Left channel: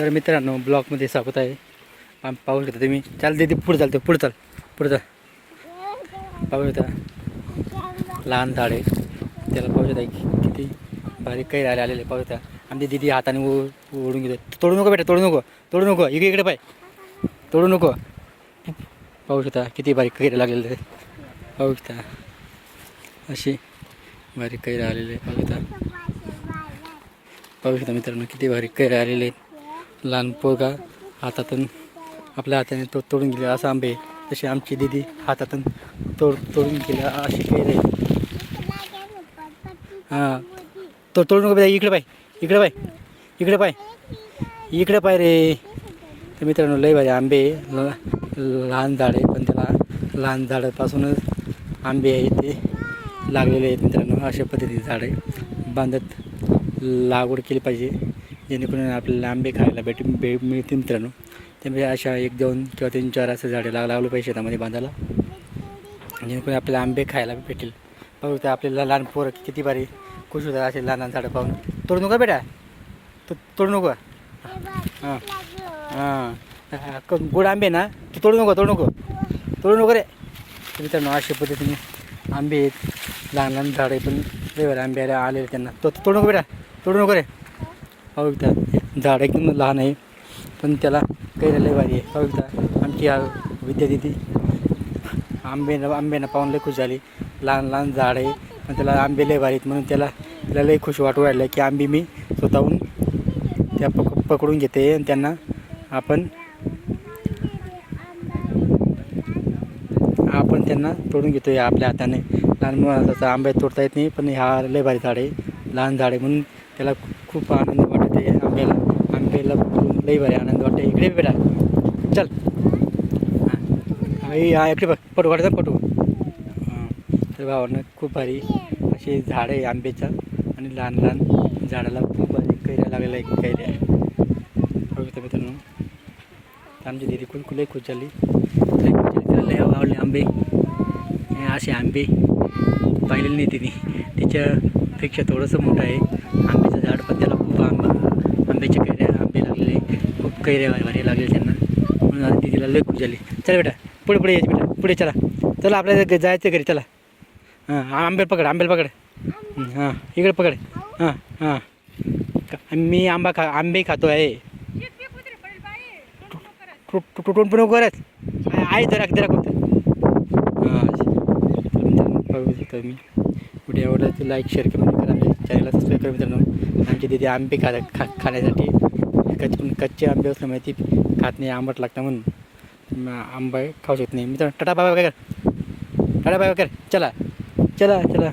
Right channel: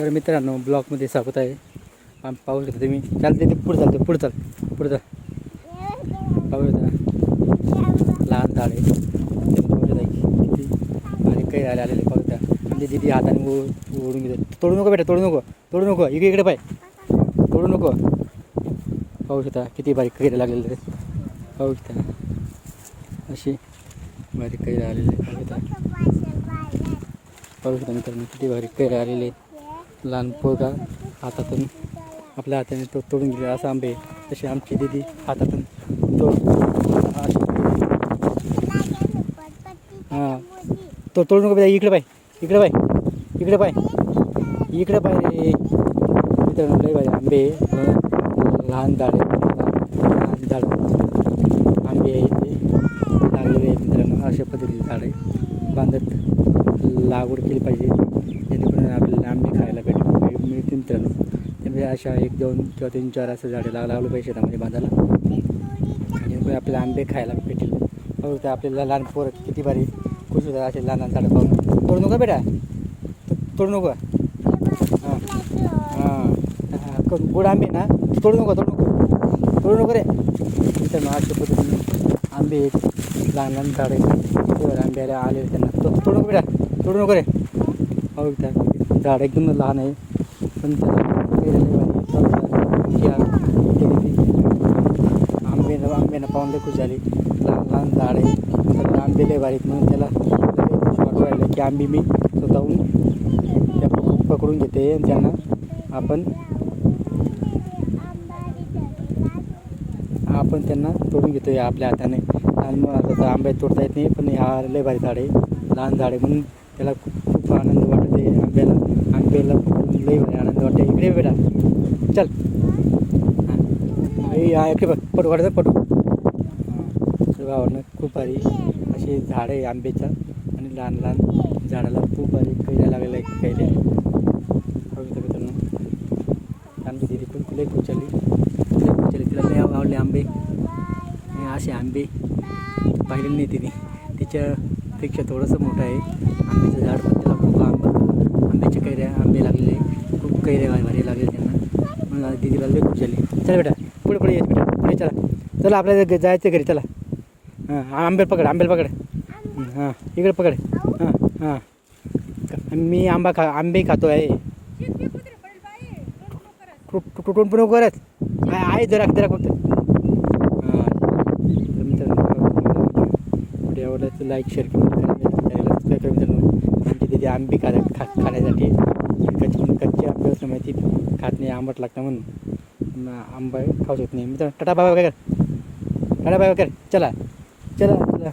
तर मित्रांनो ब्लॉकमध्ये स्वागत आहे. आम घेतो तुम्ही. चालते ते पुढे चालते पुढे चाल पुढे चाल. पाहू घेता. लहान झाड आहे. त्याला पाऊस आहे किती आणि काही राहिले आलेले पाहू शकता. आमची दिदी हाताने ओ- ओढून घेतो तोडू नको बेटा तोडू नको तोडू नको. इकडे इकडे पाय. तोडू नको. पाऊस होता किती बारीक कैरे लागलेले आहे. पाहू अशी बारीक कैरे आलेले आहे. होता पाऊस होता मित्रांनो किती बारीक कैरे आलेले आहे. लहान पोरगा हातातून आपल्या हाताने तो तोडून गेले असं आंबे तसे आमची दिदी हातातून तोड तोडून गेले अशी कैरे हां. तो तोडू नको इकडे पाय इकडे पाय इकडे पाय इकडे पाय रे. मित्रांनो लय भारी आंबे लहान झाड आहे पण त्याला लहान झाडापासूनच आंबे आहे ते लागलेले आहेत मित्रांनो अशा पद्धतीचे झाडे बांधत लागवड केली पाहिजे. जेणेकरून आपल्याला आंबे खायला भेट भे मिळतील मित्रांनो. त्यामुळे अशा एक दोन किंवा तीन चार असं झाडे लाग लावलं पाहिजे शेतामध्ये बांधायला. जेणेकरून आपल्याला आंबे खायला भेटेल बघू त्या आपल्याला लहान पोरं किती भारी खुश होतात असे लहान लहान झाडं पाहून. तोडू नका बेटा. तो- तोडू नको. हां. हां. गोड आंबे ना. तोडू नको तोडू नको. तोडू नको रे. मित्रांनो अशा पद्धतीने आंबे आहेत. लहान लहान झाडं आहेत. आंबे आले आले त्यांना. तो तोडू नको बेटा. तोडू नको रे. बघता झाड एकदम लहान आहे पण त्याला काही लय भारी आहे. बघता आमची विद्यार्थी आंबे आंब्यानं पाहून लय खुश झाली. लहान लहान झाड आहे पण त्याला आंबे लय भारी आहेत म्हणून त्याला त्याला लय खुश वाटू राहिलं की आंबे मी स्वतःहून त्या पक पकडून घेते आणि त्यांना आपण आपण त्यांना तोडून घेतो या आपल्या हाताने. लहान मुलाचा आंबे तोडता येत नाही पण हा लय भारी झाड आहे. लहान झाड आहे म्हणून त्याला खूप आनंद वाटत आहे. आंब्याला आंब्याला लई भारी आनंद वाटते इकडे बेटा. चल. हां. आई, इकडे बघ. पटू वाटत पटू तर भावानं खूप भारी असे झाड आहे आंब्याचं आणि लहान लहान झाडाला खूप भारी कैऱ्या लागलेला आहे कैऱ्या आहे मित्रांनो. आमची दिदी खूप लई खुश झाली लई तिला लई आवडले आंबे. असे आंबे. पाहिलेले नाही तिने. तिच्यापेक्षा थोडंसं मोठं आहे. आंब्याचं झाड पण त्याला खूप आंबा आंब्याच्या कैऱ्या आंबे लागलेले खूप कैऱ्या भारी भारी लागले त्यांना. म्हणून आता तिला लई खूप झाली. चला बेटा पुढे पुढे यायचं बेटा. पुढे चला. चला आपल्याला जायचं घरी. चला. हां आंबेल पकड आंबेल पकड. हां इकडे पकड. हां हां. मी आंबा खा आंबे खातो आहे तु- तुटून पण करत आहे जरा जरा फक्त हां. कुठे आवडलं तर लाईक शेअर कमेंट करा. चॅनलला सबस्क्राईब करा मित्रांनो आमची तिथे आंबे खा खा खाण्यासाठी कच्चे कच्चे आंबे असल्यामुळे म्हणजे ती खात नाही आंबट लागतं म्हणून. आंबा खाऊ शकत नाही. मित्रांनो टाटा बाबा काय कर? टाटा बाबा कर? चला. चला चला.